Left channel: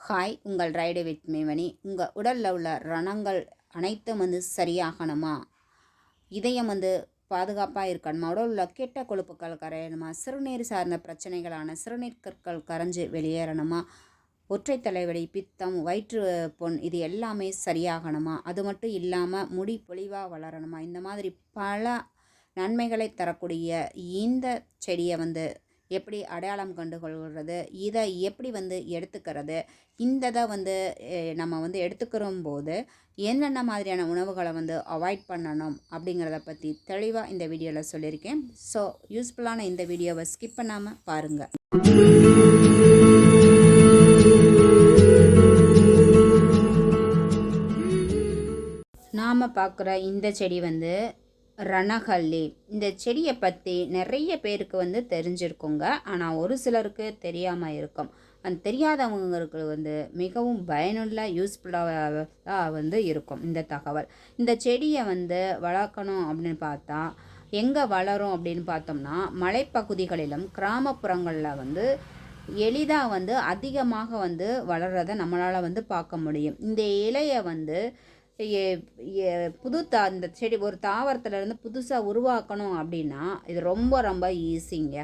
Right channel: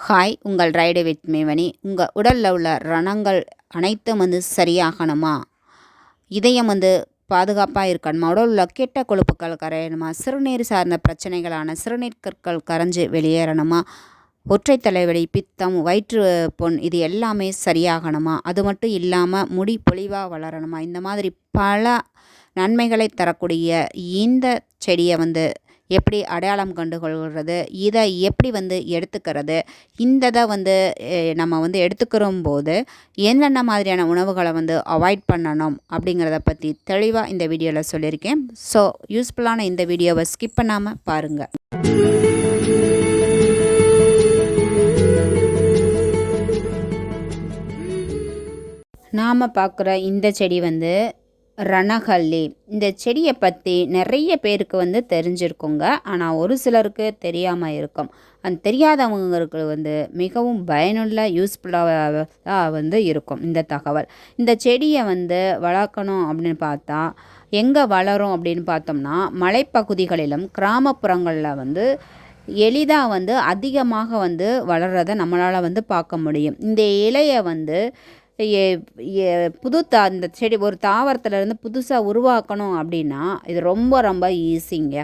Hi உங்கள் ride with மேவனி. உங்கள் உடலில் உள்ள ரணங்கள் அனைத்தும் வந்து சரியாகணுமா? இதயம் வந்து பாதுகாப்பாக இருக்கணுமா? உடலில் உள்ள கெட்ட கொழுப்புக்கள் கரையணுமா? சிறுநீர் சார்ந்த பிரச்சனைகளான சிறுநீர் கற்கள் கரைஞ்சு வெளியேறணுமா? ஒற்றை தலைவலி பித்தம் வயிற்று பொன் இது எல்லாமே சரியாகணுமா? அது மட்டும் இல்லாமல் முடி பொலிவாக வளரணுமா? இந்த மாதிரி பல நன்மைகளை தரக்கூடிய இந்த செடியை வந்து எப்படி அடையாளம் கண்டு கொள்கிறது இதை எப்படி வந்து எடுத்துக்கிறது இந்த இதை வந்து நம்ம வந்து எடுத்துக்கிறோம் போது என்னென்ன மாதிரியான உணவுகளை வந்து அவாய்ட் பண்ணணும் அப்படிங்கிறத பற்றி தெளிவாக இந்த வீடியோவில் சொல்லியிருக்கேன். ஸோ யூஸ்ஃபுல்லான இந்த வீடியோவை ஸ்கிப் பண்ணாமல் பாருங்கள் நாம் பார்க்குற இந்த செடி வந்து ரணகல்லி. இந்த செடியை பற்றி நிறைய பேருக்கு வந்து தெரிஞ்சிருக்குங்க. ஆனால் ஒரு சிலருக்கு தெரியாமல் இருக்கும். அந்த தெரியாதவங்களுக்கு வந்து மிகவும் பயனுள்ள யூஸ்ஃபுல்லாக வந்து இருக்கும் இந்த தகவல். இந்த செடியை வந்து வளர்க்கணும் அப்படின்னு பார்த்தா எங்கே வளரும் அப்படின்னு பார்த்தோம்னா மலைப்பகுதிகளிலும் கிராமப்புறங்களில் வந்து எளிதாக வந்து அதிகமாக வந்து வளர்கிறத நம்மளால் வந்து பார்க்க முடியும். இந்த இலையை வந்து புது தா இந்த செடி ஒரு தாவரத்துலேருந்து புதுசாக உருவாக்கணும் அப்படின்னா இது ரொம்ப ரொம்ப ஈஸிங்க.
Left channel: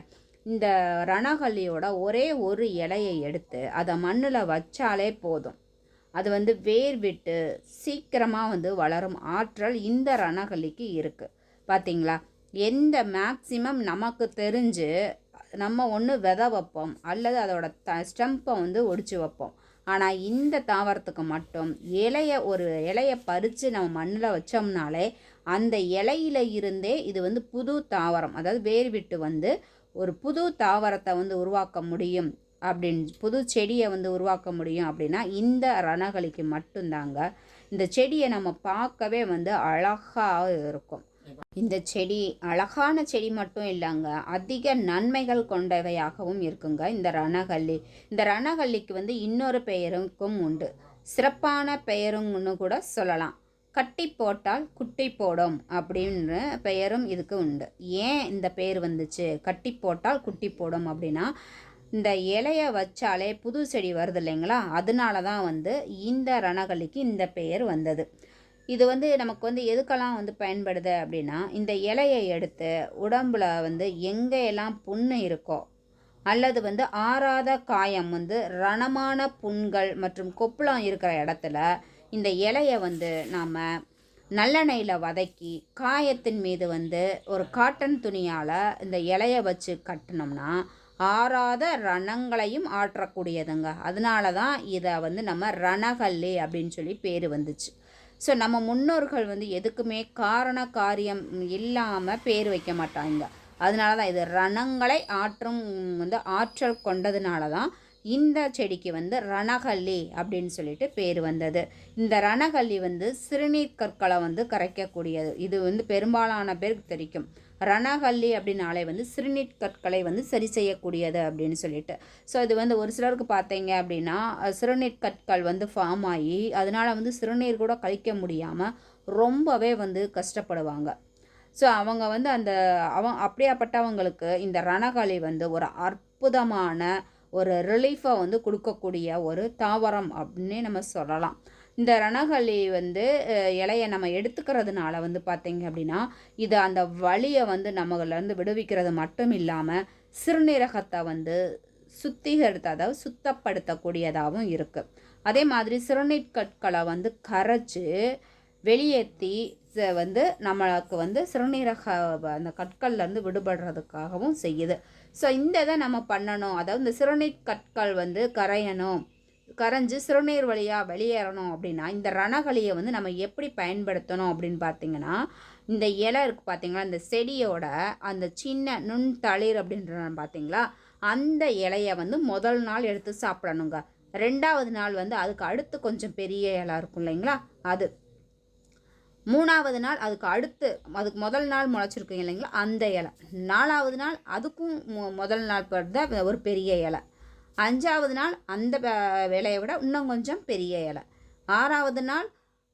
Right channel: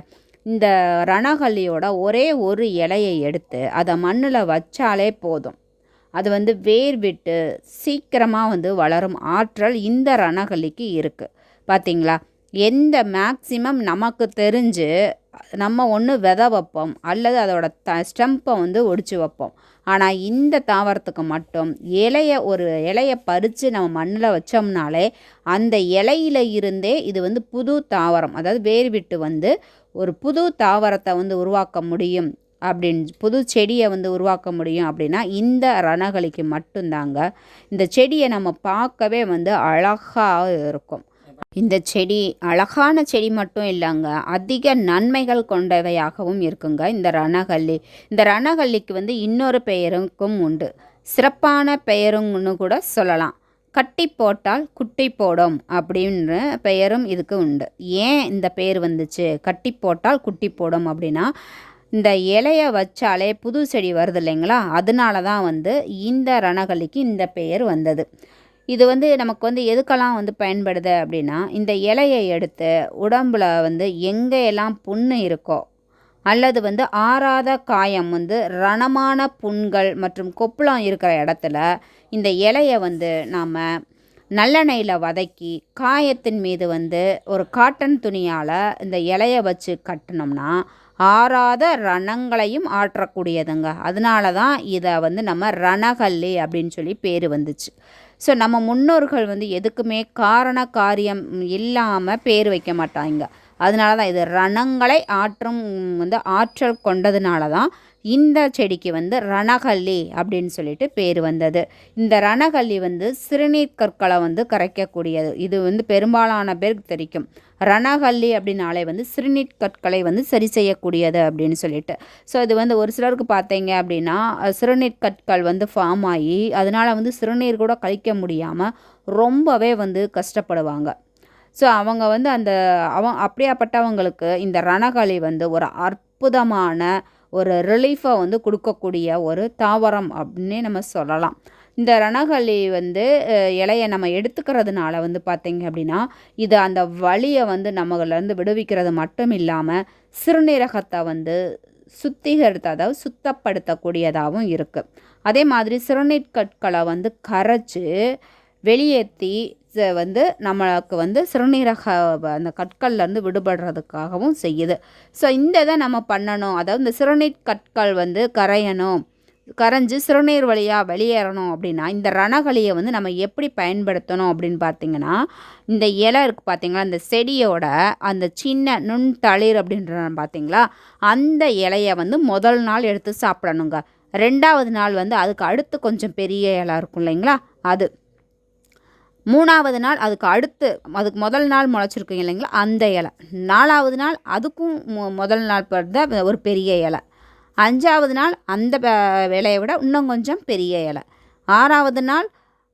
இந்த ரணகல்லியோட ஒரே ஒரு இலையை எடுத்து அதை மண்ணில் வச்சாலே போதும். அது வந்து வேர் விட்டு சீக்கிரமாக வந்து வளரும் ஆற்றல் இந்த ரணகல்லிக்கு இருக்குது பார்த்தீங்களா எந்த மேக்சிமம் நமக்கு தெரிஞ்சு நம்ம ஒன்று விதை வைப்போம் அல்லது அதோட த ஸ்டெம்பை வந்து ஒடிச்சு வைப்போம். ஆனால் இந்த தாவரத்துக்கு மட்டும் இலைய ஒரு இலையை பறித்து நம்ம மண்ணில் வச்சோம்னாலே அந்த இலையில இருந்தே இது வந்து புது தாவரம் அதாவது வேர் விட்டு வந்து ஒரு புது தாவரத்தை வந்து உருவாக்க முடியும் அப்படின்னு புது செடியை வந்து உருவாக்க முடியும் அப்படின்னா இந்த ரணகலிக்கு மட்டும்தாங்க. இந்த செடியை நம்ம பார்க்கவே வந்து அழகாக இருக்கும். இந்த செடி அழகான செடி மட்டும் இல்லைங்க. அதிக நன்மைகள் கொண்டவையாகவும் இருக்குங்க. இந்த ரணகல்லி. இந்த ரணகல்லிக்கு வந்து இன்னொரு பெயருக்கும் உண்டு. சிறப்பான பெயருங்கன்னு கூட சொல்லலாம். கட்டி போட்டால் குட்டி போடும் அப்படின்ற பெயரும் இதுக்கு உண்டு. ஏன் இந்த பெயர் வந்துச்சு? கட்டி போட்டால் குட்டி போடும் அப்படின்னா இந்த இலையை வச்சாலே புது செடி வருது இல்லைங்களா? அதனால தான் வந்து இந்த ரணகல்லிக்கு இந்த பெயர் வந்தது. இது வந்து நமக்கு வந்து எதுக்கெல்லாம் வந்து பயன்படுது அப்படின்னா இந்த இலையை எடுத்து உடம்புல வந்து எங்கே எல்லாம் புண்ணு இருக்கோ அல்லது வந்து ஆறாத காயம் வந்து ரணமான புண்கள் மற்றும் கொப்பளம் இருக்கிற இடத்துல இந்த இலையை வந்து நாம் நல்லெண்ணெயில் வதக்கி காயத்தின் மீது வந்து ஒரு காட்டன் துணியால் இந்த இலையை வச்சு கட்டினோம்னா ஆறாத ரணங்களையும் ஆற்றக்கூடியதுங்க. அதனால தான் இதை வந்து நம்ம ரணகல்லி அப்படின்னு சொல்லி பேர் வந்துச்சு. ஸோ நம்ம முன்னோர்கள் வந்து எதுக்குமே காரண காரியம் இல்லாமல் பேர் வைக்க மாட்டாங்க. அதனால தான் இது ரணங்களை ஆற்றும் வந்து ஆற்றல் கொண்டதுனால தான் இந்த செடிக்கு வந்து ரணகல்லி அப்படின்னு சொல்லிட்டு பேர் வந்தது. இந்த ரணகல்லி வந்து சிறுநீர் கற்களை வந்து கரைக்கக்கூடியது. இது வந்து பெரும்பாலான பேருக்கு தெரிக்கும். ரணகல்லி அப்படின்னாலே வந்து சிறுநீர் கற்களை வந்து சரி செய்யக்கூடியது அப்படின்னு சொல்லிட்டு. ஸோ இது வந்து ஒரு சிலருக்கு பார்த்தீங்க அப்படின்னா சிறுநீர் கற்கள் வந்து ஃபார்ம் ஆகி அதனால் வந்து சிறுநீர் கூட கழிக்க முடியாமல் ரொம்பவே வந்து கஷ்டப்படுவாங்க. ஸோ அவங்க வந்து அந்த அவன் அப்படியாப்பட்டவங்களுக்கு இந்த ரணகளி வந்து ஒரு அற்புதமான ஒரு ரிலீஃபை வந்து கொடுக்கக்கூடிய ஒரு தாவரம் அப்படின்னே நம்ம சொல்லலாம். இந்த ரணகளி வந்து இலையை நம்ம எடுத்துக்கிறதுனால வந்து பார்த்தீங்க அப்படின்னா இது அந்த வழியை வந்து நம்மளிருந்து விடுவிக்கிறது மட்டும் இல்லாமல் சிறுநீரகத்தை வந்து சுத்திகரித்த அதாவது சுத்தப்படுத்தக்கூடியதாகவும் இருக்குது அதே மாதிரி சிறுநீர் கற்களை வந்து கரைச்சி வெளியேற்றி ச- வந்து நம்மளுக்கு வந்து சிறுநீரக அந்த கற்கள்லேருந்து விடுபடுறதுக்காகவும் செய்யுது. ஸோ இந்த இதை நம்ம பண்ணணும். அதாவது இந்த சிறுநீர் கற்கள் வந்து கரையணும். கரைஞ்சி சிறுநீர் வழியாக வெளியேறணும் அப்படின்னா இந்த ரணகளியை வந்து நம்ம எப்படி பயன்படுத்தணும் அப்படின்னு பார்த்தீங்கன்னா இந்த இலை இருக்குது பார்த்தீங்களா இந்த செடியோட அந்த சின்ன நுண் தளிர் அப்படின்ற பார்த்தீங்களா அந்த இலையை வந்து முதல் நாள் எடுத்து சாப்பிடணுங்க. ரெண்டாவது நாள் வந்து அதுக்கு அடுத்து கொஞ்சம் பெரிய இலை இருக்கும் இல்லைங்களா அது. மூணாவது நாள் அதுக்கு அடுத்து அதுக்கு முதல் நாள் முளைச்சிருக்கீங்க இல்லைங்களா அந்த இலை. நாலாவது நாள் அதுக்கும் முதல் நாள் பிறந்த ஒரு பெரிய இலை. அஞ்சாவது நாள் அந்த இலையை விட இன்னும் கொஞ்சம் பெரிய இலை. ஆறாவது நாள்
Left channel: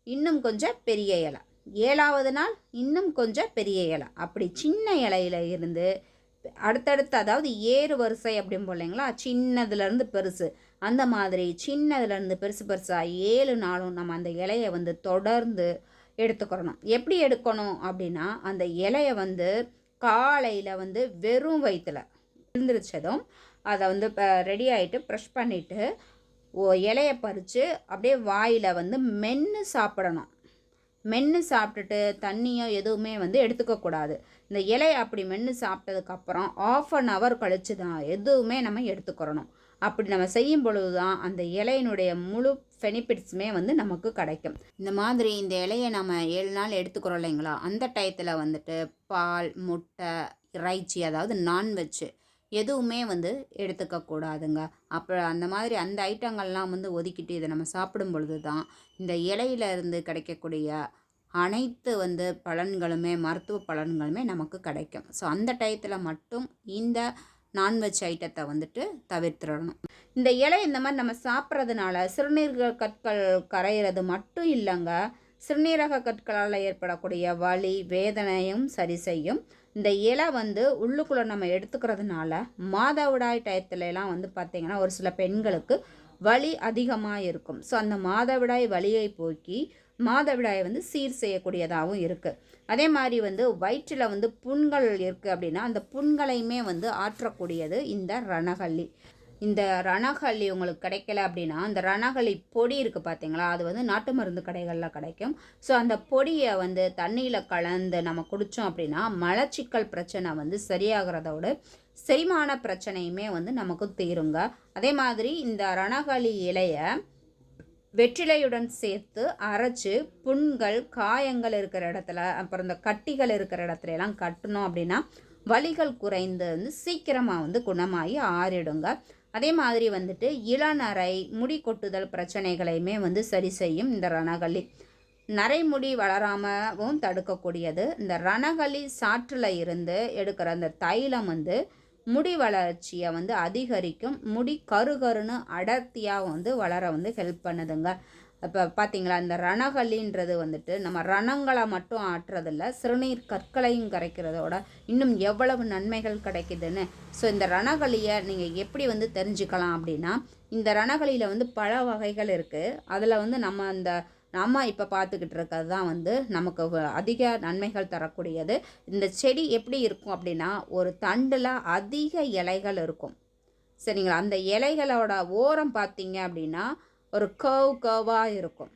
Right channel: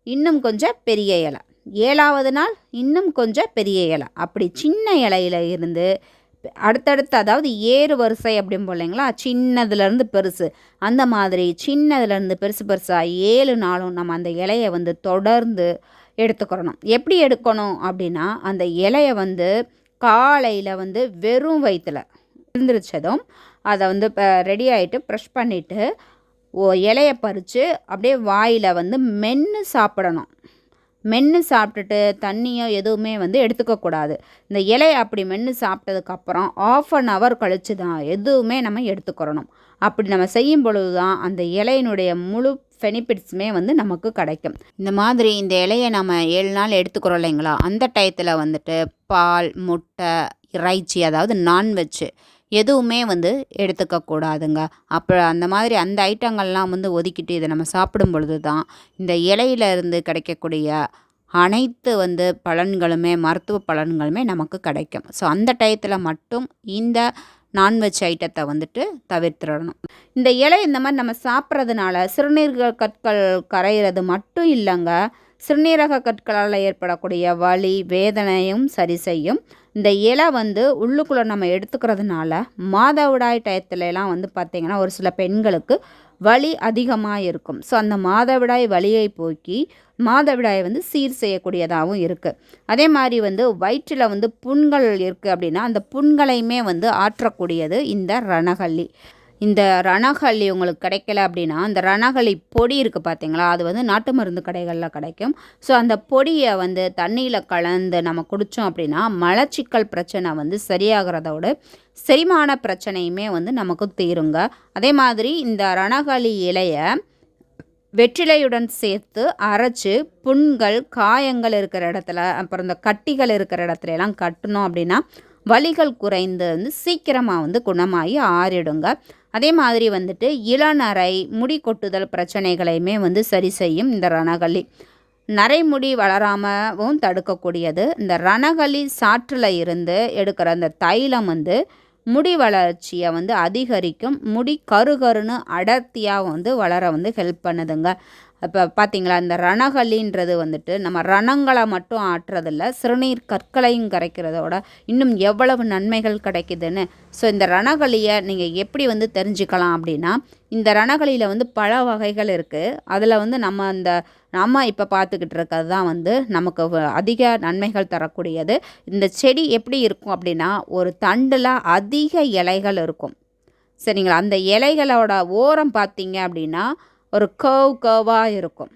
இன்னும் கொஞ்சம் பெரிய இலை. ஏழாவது நாள் இன்னும் கொஞ்சம் பெரிய இலை. அப்படி சின்ன இலையில இருந்து அடுத்தடுத்து அதாவது ஏறு வரிசை அப்படிம்போம் இல்லைங்களா சின்னதுலேருந்து பெருசு. அந்த மாதிரி சின்னதுலேருந்து பெருசு பெருசாக ஏழு நாளும் நம்ம அந்த இலையை வந்து தொடர்ந்து எடுத்துக்கிறணும். எப்படி எடுக்கணும் அப்படின்னா அந்த இலையை வந்து காலையில் வந்து வெறும் வயிற்றில் எழுந்திரிச்சதும் அதை வந்து இப்போ ரெடி ஆகிட்டு ப்ரெஷ் பண்ணிவிட்டு ஓ இலையை பறித்து அப்படியே வாயில் வந்து மென்று சாப்பிடணும். மென்று சாப்பிட்டுட்டு தண்ணியோ எதுவுமே வந்து எடுத்துக்கக்கூடாது இந்த இலையை அப்படி மென்று சாப்பிட்டதுக்கப்புறம் ஆஃப் அன் ஹவர் கழித்து தான் எதுவுமே நம்ம எடுத்துக்கிறணும். அப்படி நம்ம செய்யும் பொழுது தான் அந்த இலையினுடைய முழு பெனிஃபிட்ஸுமே வந்து நமக்கு கிடைக்கும். இந்த மாதிரி இந்த இலையை நம்ம ஏழு நாள் எடுத்துக்கிறோம் இல்லைங்களா? அந்த டயத்தில் வந்துட்டு பால் முட்டை இறைச்சி அதாவது நான்வெஜ்ஜு எதுவுமே வந்து எடுத்துக்கக்கூடாதுங்க அப்போ அந்த மாதிரி அந்த ஐட்டங்கள்லாம் வந்து ஒதுக்கிட்டு இதை நம்ம சாப்பிடும் பொழுது தான் இந்த இலையில இருந்து கிடைக்கக்கூடிய அனைத்து வந்து பலன்களுமே மருத்துவ பலன்களுமே நமக்கு கிடைக்கும். ஸோ அந்த டயத்தில் மட்டும் இந்த நான்வெஜ் ஐட்டத்தை வந்துட்டு தவிர்த்திடணும். இந்த இலை இந்த மாதிரி நம்ம சாப்பிட்றதுனால சிறுநீர்கள் கற்கள் கரையிறது மட்டும் இல்லைங்க. சிறுநீரக கற்களால் ஏற்படக்கூடிய வலி வேதனையும் சரி செய்யும். இந்த இலை வந்து உள்ளுக்குள்ளே நம்ம எடுத்துக்கிறதுனால மாதவிடாய் டயத்துலலாம் வந்து பார்த்திங்கன்னா ஒரு சில பெண்களுக்கு வலி அதிகமாக இருக்கும். ஸோ அந்த மாதவிடாய் வலியை போக்கி மாதவிடாயை வந்து சீர் செய்யக்கூடியதாகவும் இருக்குது அதே மாதிரி வந்து வயிற்றில் வந்து புண்கள் இருக்குது அப்படின்னா அந்த புண்களையுமே வந்து ஆற்றக்கூடியது இந்த ரணகல்லி. இந்த ரணகல்லி உங்களுக்கு கிடைக்கல அப்படின்னா அந்த ரணகல்லி பொடி இருக்குது பார்த்தீங்களா அது வந்து நாட்டு மருந்து கடைகளில் கிடைக்கும். ஸோ அந்த பொடியை வந்து தண்ணியில் கலந்து நம்ம குடித்தோம் அப்படின்னா மலச்சிக்கல் பிரச்சனை வந்து சரியாகிறதோட செரிமான பிரச்சனையுமே வந்து நமக்கு தீருங்க. அதே மாதிரி இந்த ரணகளி இலையை வெற்றிலையுடன் சேர்த்து அரைச்சி புண்கள் காயங்கள் இருக்கிற இடத்துல அப்புறம் இந்த கட்டிகள் இருக்கிற இடத்துல எல்லாம் கட்டணும் அப்படின்னா வலிகள் குறைந்து வந்து சீக்கிரமாக வந்து குணமாகி ஆறிடுங்க. அதே மாதிரி வந்துட்டு இளநரை முடி கொட்டுதல் பிரச்சனைகளையுமே வந்து சரி செய்யும் இந்த ரணகளி. நரைமுடி வளராமவும் தடுக்கக்கூடியது. இந்த ரணகளி சாற்றில் இருந்து எடுக்கிற அந்த தைலம் வந்து முடி வளர்ச்சியை வந்து அதிகரிக்கும். முடி கருகருன்னு அடர்த்தியாக வந்து வளர வந்து ஹெல்ப் பண்ணுதுங்க. இப்போ பார்த்தீங்களா இந்த ரணகலின்றது வந்துட்டு நம்ம ரணங்களை மட்டும் ஆட்டுறதில்ல சிறுநீர் கற்களையும் கரைக்கிறதோட இன்னும் எவ்வளவு நன்மைகள் கிடைக்குதுன்னு. ஸோ இந்த ரணகளியை நீங்கள் எப்படி வந்து தெரிஞ்சுக்கலாம் அப்படின்னா இந்த ரணகளியில் வந்து பல வகைகள் இருக்குது அதில் வந்து நம்ம அந்த நம்ம இப்போ பார்த்துக்கிட்டு இருக்கிறது தான் வந்து நமக்கு அதிக நன்மைகள் தரக்கூடியது. இந்த செடி எப்படி இருக்கும் அப்படின்னா ஒரு தண்டில் அதிக இலைகள் இருக்கும். சரிங்களா? அந்த இலைகளோட ஓரம் பார்த்தீங்க அப்படின்னா ஒரு கவ் கவாக இருக்கும்.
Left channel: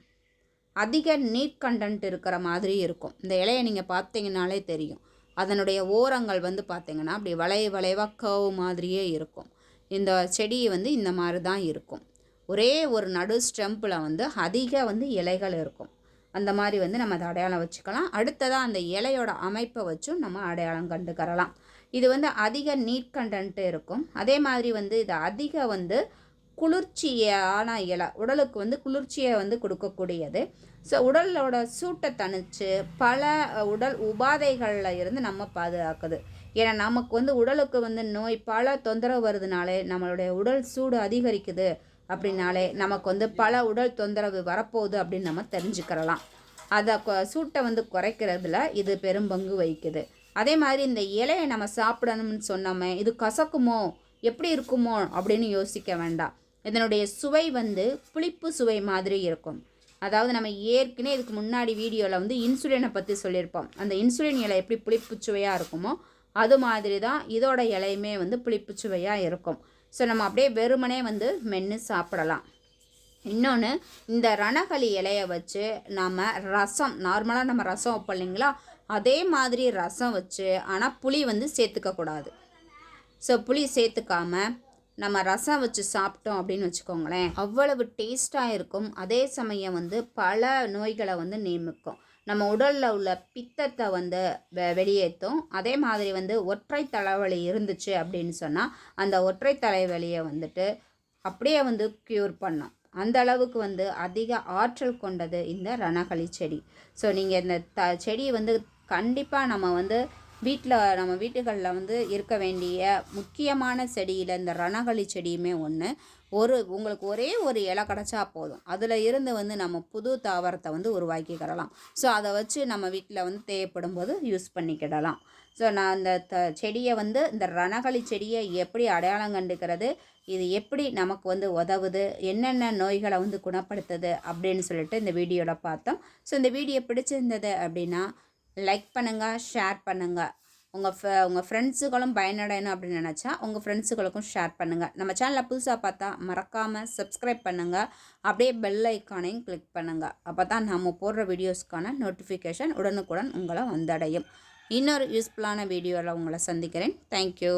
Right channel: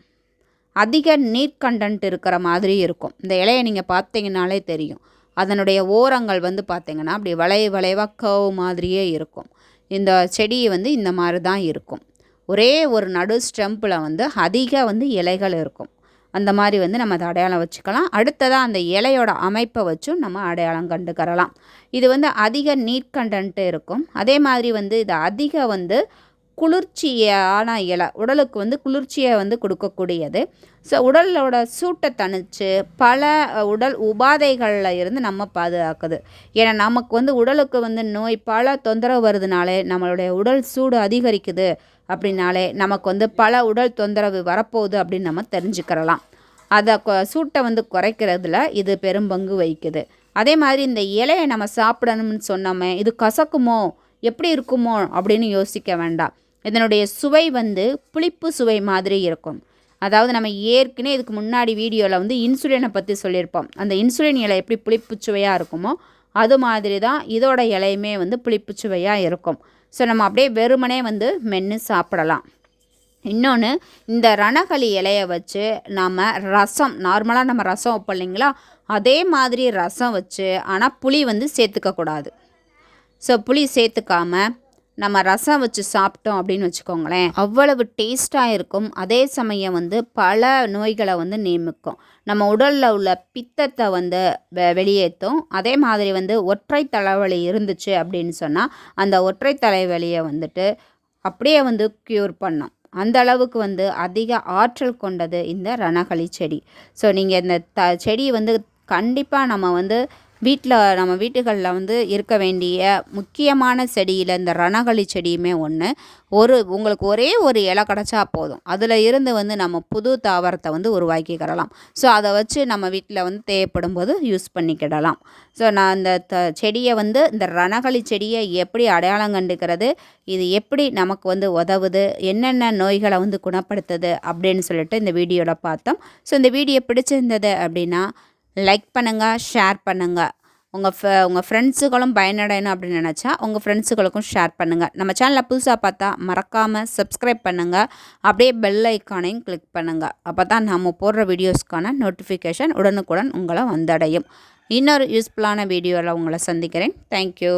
அதிக நீட் கண்டன்ட் இருக்கிற மாதிரி இருக்கும். இந்த இலையை நீங்கள் பார்த்தீங்கனாலே தெரியும். அதனுடைய ஓரங்கள் வந்து பார்த்திங்கன்னா அப்படி வளைய வளைவாக கவ் மாதிரியே இருக்கும். இந்த செடி வந்து இந்த மாதிரி தான் இருக்கும். ஒரே ஒரு நடு ஸ்டெம்பில் வந்து அதிக வந்து இலைகள் இருக்கும். அந்த மாதிரி வந்து நம்ம அதை அடையாளம் வச்சுக்கலாம். அடுத்ததாக அந்த இலையோட அமைப்பை வச்சும் நம்ம அடையாளம் கண்டுக்கறலாம் இது வந்து அதிக நீட் கண்டன்ட்டு இருக்கும். அதே மாதிரி வந்து இது அதிக வந்து குளிர்ச்சியான இலை உடலுக்கு வந்து குளிர்ச்சியை வந்து கொடுக்கக்கூடியது. ஸோ உடலோட சூட்டை தணித்து பல உடல் உபாதைகளில் இருந்து நம்ம பாதுகாக்குது. ஏன்னா நமக்கு வந்து உடலுக்கு வந்து நோய் பல தொந்தரவு வருதுனாலே நம்மளுடைய உடல் சூடு அதிகரிக்குது அப்படின்னாலே நமக்கு வந்து பல உடல் தொந்தரவு வரப்போகுது அப்படின்னு நம்ம தெரிஞ்சுக்கிறலாம். அதை சூட்டை வந்து குறைக்கிறதுல இது பெரும்பங்கு வகிக்குது. அதே மாதிரி இந்த இலையை நம்ம சாப்பிடணும்னு சொன்னோமே இது கசக்குமோ எப்படி இருக்குமோ அப்படின்னு யோசிக்க வேண்டாம். இதனுடைய சுவை வந்து புளிப்பு சுவை மாதிரி இருக்கும். அதாவது நம்ம ஏற்கனவே இதுக்கு முன்னாடி வீடியோவில் வந்து இன்சுலினை பற்றி சொல்லியிருப்போம். அந்த இன்சுலின் இலை எப்படி புளிப்பு சுவையாக இருக்குமோ அது மாதிரி தான் இதோட இலையுமே வந்து புளிப்பு சுவையாக இருக்கும். ஸோ நம்ம அப்படியே வெறுமனே வந்து மென்று சாப்பிடலாம். இன்னொன்று இந்த ரணகளி இலையை வச்சு நாம் ரசம் நார்மலாக நம்ம ரசம் வைப்போம் இல்லைங்களா? அதே மாதிரி ரசம் வச்சு ஆனால் புளி வந்து சேர்த்துக்கக்கூடாது. ஸோ புளி சேர்த்துக்காமல் நம்ம ரசம் வச்சு சாப்பிட்டோம் அப்படின்னு வச்சுக்கோங்களேன் அவ்வளவு டேஸ்ட்டாக இருக்கும். அதே சமயம் வந்து பல நோய்களை வந்து நியமிக்கும். நம்ம உடலில் உள்ள பித்தத்தை வந்து வெ வெளியேற்றும் அதே மாதிரி வந்து ஒற்றை தலைவலி இருந்துச்சு அப்படின்னு சொன்னால் அந்த ஒற்றை தலைவலியை வந்துட்டு அப்படியே வந்து க்யூர் பண்ணும். அந்த அளவுக்கு வந்து அதிக ஆற்றல் கொண்டது இந்த ரணகளி செடி. ஸோ நீங்கள் இந்த த செடி வந்து கண்டிப்பாக நம்ம வந்து வீட்டில் நம்ம வீட்டுகளில் வந்து இருக்க வேண்டிய முக்கியமான செடியில் இந்த ரணகளி செடியுமே ஒன்று ஒரு உங்களுக்கு ஒரே ஒரு இலை கிடச்சா போதும். அதில் இருந்து வந்து நம்ம புது தாவரத்தை வந்து உருவாக்கிக்கிடலாம் ஸோ அதை வச்சு நம்ம வீட்டில் வந்து தேவைப்படும் போது யூஸ் பண்ணிக்கிடலாம். ஸோ நான் இந்த த செடியை வந்து இந்த ரணகளி செடியை எப்படி அடையாளம் கண்டுக்கிறது இது எப்படி நமக்கு வந்து உதவுது என்னென்ன நோய்களை வந்து குணப்படுத்துது அப்படின்னு சொல்லிட்டு இந்த வீடியோவில் பார்த்தோம். ஸோ இந்த வீடியோ பிடிச்சிருந்தது அப்படின்னா லைக் பண்ணுங்கள் ஷேர் பண்ணுங்கள் உங்கள் ஃப உங்கள் ஃப்ரெண்ட்ஸுகளும் பயனடையணும் அப்படின்னு நினச்சா உங்கள் ஃப்ரெண்ட்ஸுகளுக்கும் ஷேர் பண்ணுங்கள் நம்ம சேனலில் புதுசாக பார்த்தா மறக்காமல் சப்ஸ்கிரைப் பண்ணுங்கள் அப்படியே பெல் ஐக்கானையும் கிளிக் பண்ணுங்கள் அப்போ தான் நம்ம போடுற வீடியோஸ்க்கான நோட்டிஃபிகேஷன் உடனுக்குடன் உங்களை வந்தடையும். இன்னொரு யூஸ்ஃபுல்லான வீடியோவில் உங்களை சந்திக்கிறேன். தேங்க்யூ